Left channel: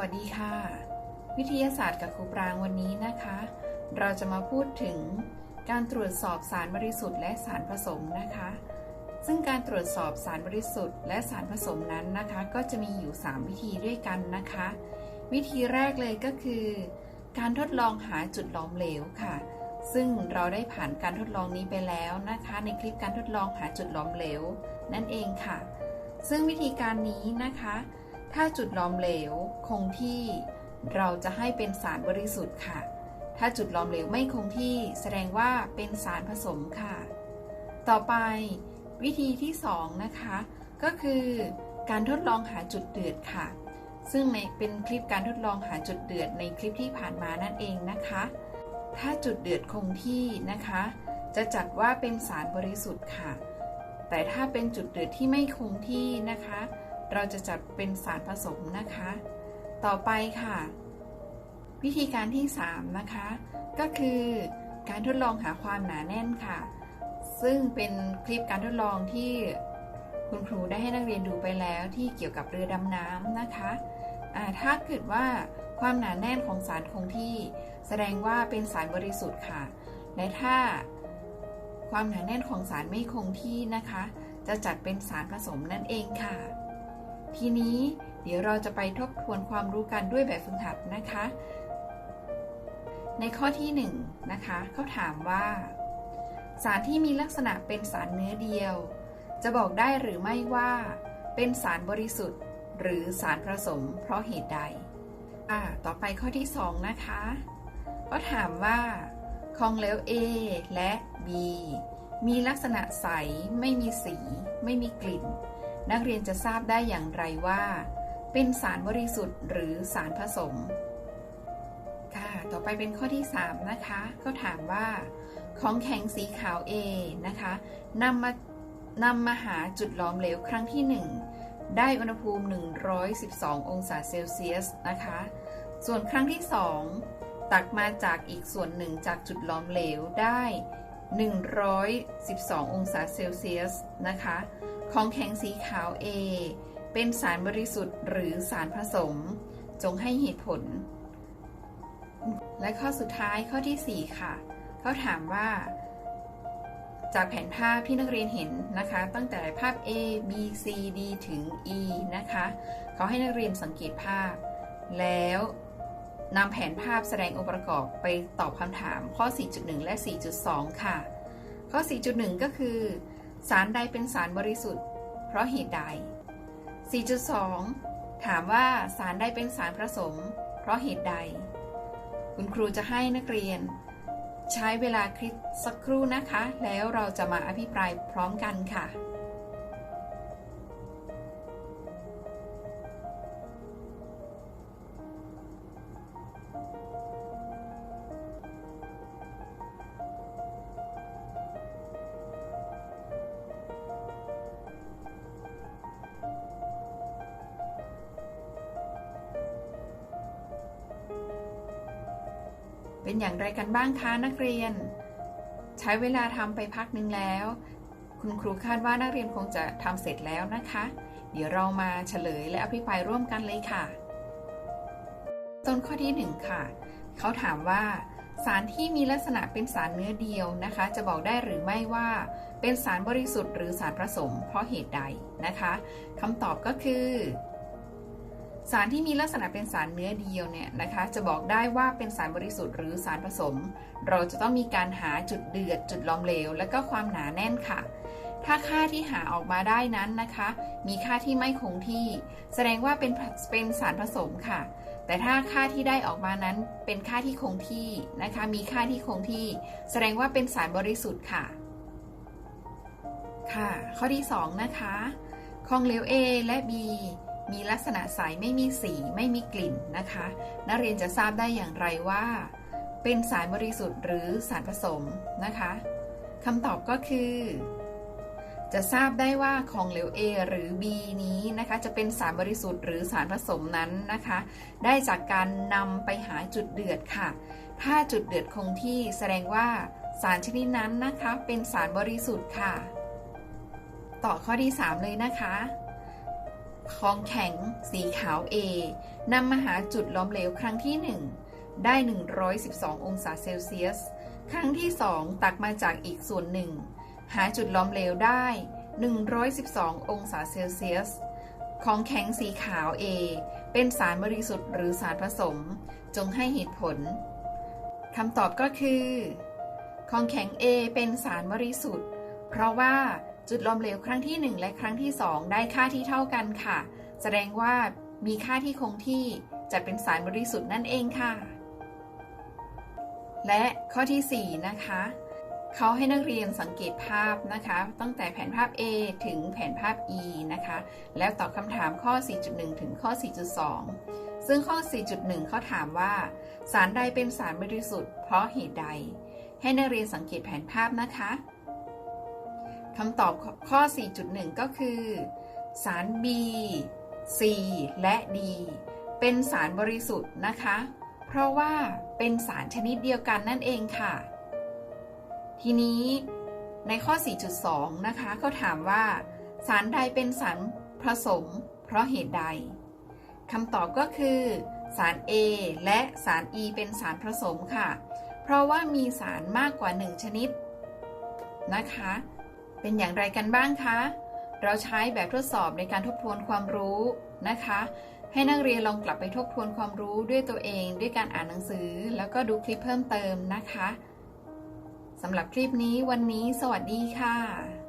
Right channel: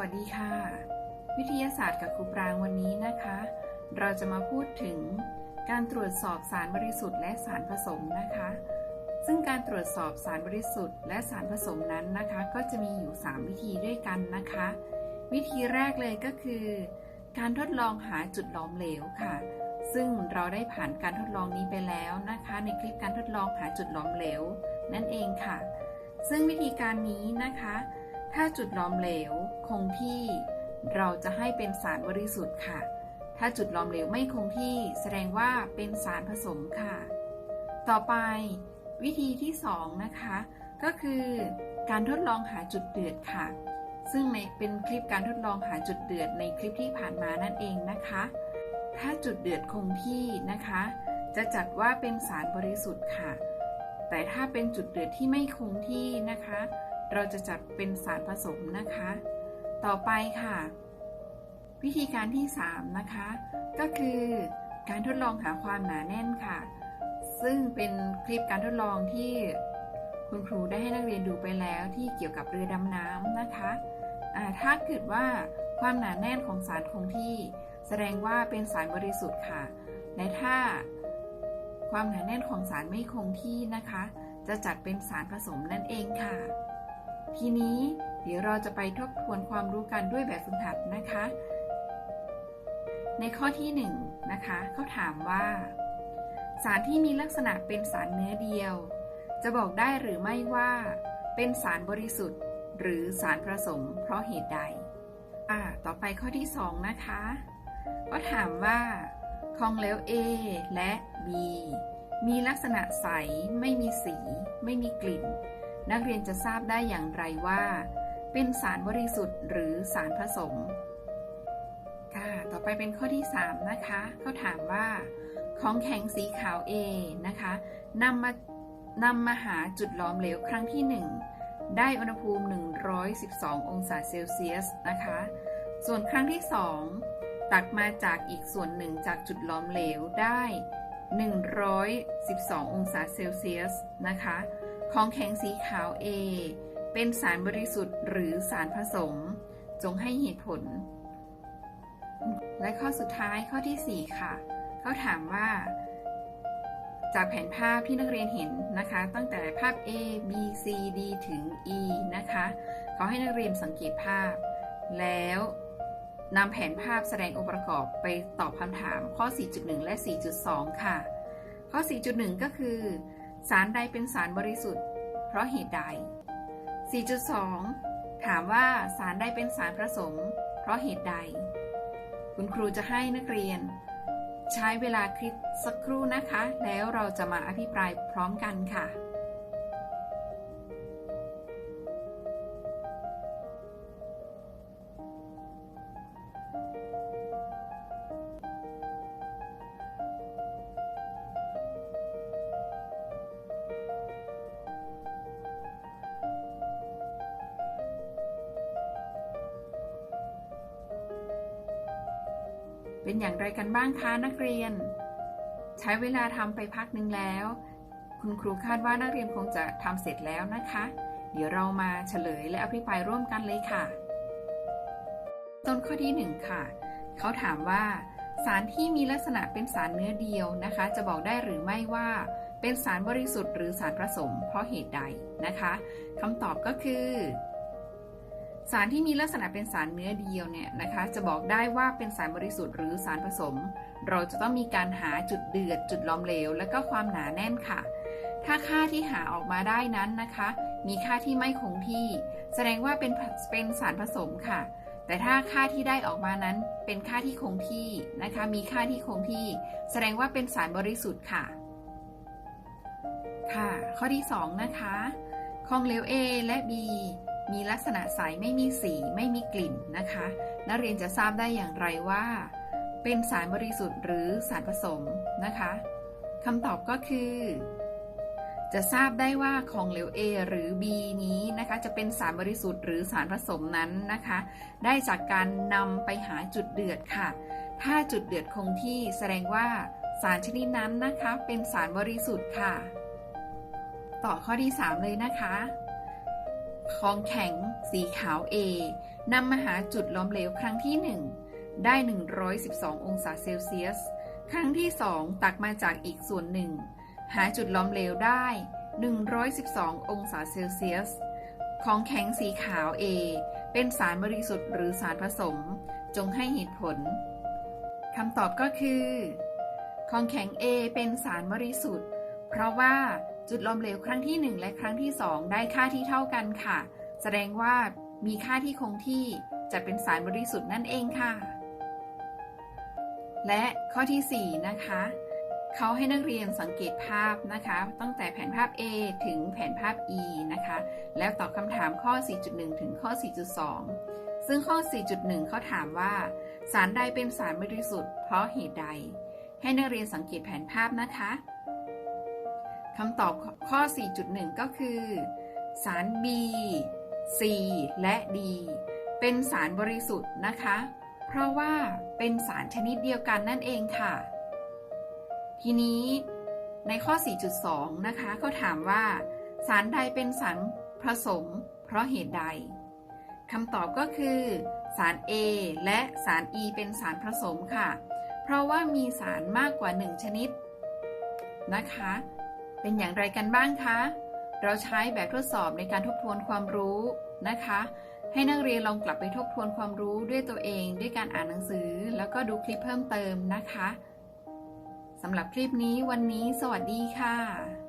วัสดีค่ะ วิทยาศาสตร์กับครูปรางวันนี้นะคะ เราจะมาพูดถึงการตรวจสอบสารบริสุทธิ์และสารผสมนะคะ ซึ่งการตรวจสอบสารบริสุทธิ์และสารผสมนั้นนะคะ ก็จะมีอยู่ 3 วิธีด้วยกันนะคะ วิธีแรกเลยก็คือ การทดลองหาจุดหลอมเหลวค่ะ ซึ่งเราได้ผ่านการทดลองนี้ไปแล้วนะคะ ในคลิปการทดลองหาจุดหลอมเหลว นั่นเองค่ะ ซึ่งวิธีการนี้นะคะ ถ้าจุดหลอมเหลวคงที่เราจะให้เป็นสารบริสุทธิ์ค่ะ ถ้าจุดหลอมเหลวไม่คงที่แสดงว่าเป็นสารผสมค่ะ ต่อไปวิธีที่ 2 นะคะ ก็คือการทดลองหาจุดเดือดค่ะ ซึ่งในเป็นคลิปการทดลองหาจุดเดือดในคลิปที่ผ่านมานั่นเองนะคะ ถ้าจุดเดือดคงที่นะคะ จะจัดว่าเป็นสารบริสุทธิ์ค่ะ แต่ถ้าเป็นจุดเดือดที่ไม่คงที่นะคะ เราจะจัดเป็นสารผสมนะคะ ต่อไปค่ะ วิธีการที่ 3 นะคะ ก็คือการทดลองหาความหนาแน่นค่ะ ซึ่งเป็นคลิปการทดลองที่คุณครูได้ให้นักเรียนดูไปแล้วที่เกี่ยวกับเรือดำน้ำนะคะะถ้าเกิดว่าความหนาแน่นของสารคงที่ แสดงว่าเป็นสารบริสุทธิ์ค่ะ และถ้าความหนาแน่นของสารไม่คงที่นะคะ จะจัดเป็นสารผสมนั่นเองค่ะ ทีนี้เดี๋ยวเราจะไปทบทวนความรู้กันด้วยแบบฝึกหัดนะคะ ในข้อที่1นนะคะเขาถามว่า สารที่มีลักษณะเป็นสารเนื้อเดียว จะบอกได้หรือไม่ว่า เป็นสารบริสุทธิ์ หรือสารผสมเพราะเหตุใดอ่าต่อไปข้อที่ 2 นะคะก็ถามว่าของเหลว A และ B มีลักษณะใส ไม่มีสี ไม่มีกลิ่น นักเรียนจะทราบได้อย่างไรว่า เป็นสารบริสุทธิ์หรือสารผสม ค่ะ ต่อไปเป็นข้อที่ 3 นะคะเขาถามว่า ของแข็งสีขาว A นะคะนำมานำมาหาจุดหลอมเหลวครั้งที่ 1 ได้อุณหภูมิ 112 องศาเซลเซียสนะคะ ส่วนครั้งที่ 2 ตักมาจากอีกส่วนหนึ่งจากจุดหลอมเหลวได้ 112 องศาเซลเซียสนะคะ ของแข็งสีขาว A เป็นสารบริสุทธิ์หรือสารผสม จงให้เหตุผล และข้อสุดท้ายข้อที่ 4 ค่ะ เขาถามว่า จากแผนภาพที่นักเรียนเห็นนะคะ ตั้งแต่ภาพ A B C D ถึง E นะคะเขาให้นักเรียนสังเกตภาพ แล้วนำแผนภาพแสดงองค์ประกอบไปตอบคำถามข้อ 4.1 และ 4.2 ค่ะ ข้อ 4.1 ก็คือ สารใดเป็นสารบริสุทธิ์ เพราะเหตุใด 4.2 ถามว่าสารใดเป็นสารผสม เพราะเหตุใด คุณครูจะให้นักเรียน ใช้เวลาคลิดสักครู่นะคะ แล้วเราจะมาอภิปรายพร้อมกันค่ะ เป็นอย่างไรกันบ้างคะนักเรียน ใช้เวลาทำไปพักหนึ่งแล้ว คุณครูคาดว่านักเรียนคงจะทำเสร็จแล้วนะคะ เดี๋ยวเรามาเฉลยและอภิปรายร่วมกันเลยค่ะ ต้นข้อที่ 1 ค่ะ เขาถามว่า สารที่มีลักษณะเป็นสารเนื้อเดียวนะคะ จะบอกได้หรือไม่ว่า เป็นสารบริสุทธิ์หรือสารผสม เพราะเหตุใดนะคะคำตอบก็คือ สารที่มีลักษณะเป็นสารเนื้อเดียวเนี่ยนะคะ จะบอกได้ว่าเป็นสารบริสุทธิ์หรือสารผสม เราจะต้องมีการหาจุดเดือดจุดล้อมเหลว และก็ความหนาแน่นค่ะ ถ้าค่าที่หาออกมาได้นั้นนะคะ มีค่าที่ไม่คงที่ แสดงว่าเป็นเป็นสารผสมค่ะ แต่ถ้าค่าที่ได้ออกมานั้นเป็นค่าที่คงที่นะคะ มีค่าที่คงที่ แสดงว่าเป็นสารบริสุทธิ์ค่ะ ค่ะ ข้อที่ 2 นะคะของเหลว A และ B มีลักษณะใสไม่มีสีไม่มีกลิ่นนะคะ นักเรียนจะทราบได้อย่างไรว่า เป็นสารบริสุทธิ์หรือสารผสมนะคะคำตอบก็คือ จะทราบได้ว่าของเหลว A หรือ B นี้นะคะ จะเป็นสารบริสุทธิ์หรือสารผสมนั้นนะคะ ได้จากการนำไปหาจุดเดือดค่ะ ถ้าจุดเดือดคงที่แสดงว่าสารชนิดนั้นนะคะ เป็นสารบริสุทธิ์ค่ะ ต่อข้อที่ 3 เลยนะคะ ของแข็ง สีขาว A นำมาหาจุดล้อมเหลวครั้งที่ 1 ได้ 112 องศาเซลเซียส ครั้งที่ 2 ตักมาจากอีกส่วนหนึ่ง หาจุดล้อมเหลวได้ 112 องศาเซลเซียส ของแข็งสีขาว A เป็นสารบริสุทธิ์หรือสารผสม จงให้เหตุผลคำตอบก็คือ ของแข็ง A เป็นสารบริสุทธิ์ เพราะว่า จุดล้อมเหลวครั้งที่ 1 และครั้งที่ 2 ได้ค่าที่เท่ากันค่ะ แสดงว่ามีค่าที่คงที่จะเป็นสารบริสุทธิ์นั่นเองค่ะ และข้อที่ 4 นะคะเขาให้นักเรียนสังเกตภาพนะคะ ตั้งแต่แผนภาพ A ถึงแผนภาพ E นะคะ แล้วตอบคำถามข้อ 4.1 ถึงข้อ 4.2 ซึ่งข้อ 4.1 เขาถามว่า สารใดเป็นสารบริสุทธิ์เพราะเหตุใด ให้นักเรียนสังเกตแผนภาพนะคะ คำตอบข้อ 4.1 ก็คือ สาร B C และ D เป็นสารบริสุทธิ์นะคะ เพราะว่าเป็นสารชนิดเดียวกันนั่นเองค่ะ ทีนี้ในข้อ 4.2 นะคะเขาถามว่า สารใดเป็นสารผสม เพราะเหตุใดคำตอบก็คือ สาร A และสาร E เป็นสารผสมค่ะ เพราะว่ามีสารมากกว่า 1 ชนิดนะคะ เป็นอย่างไรกันบ้างคะ เราใช้แบบทดสอบในการทบทวนความรู้นะคะ ให้นักเรียนลองกลับไปทบทวนความรู้ด้วยตัวเอง ด้วยการอ่านหนังสือ แล้วก็ดูคลิปเพิ่มเติมนะคะสำหรับคลิปนี้วันนี้ สวัสดีค่ะ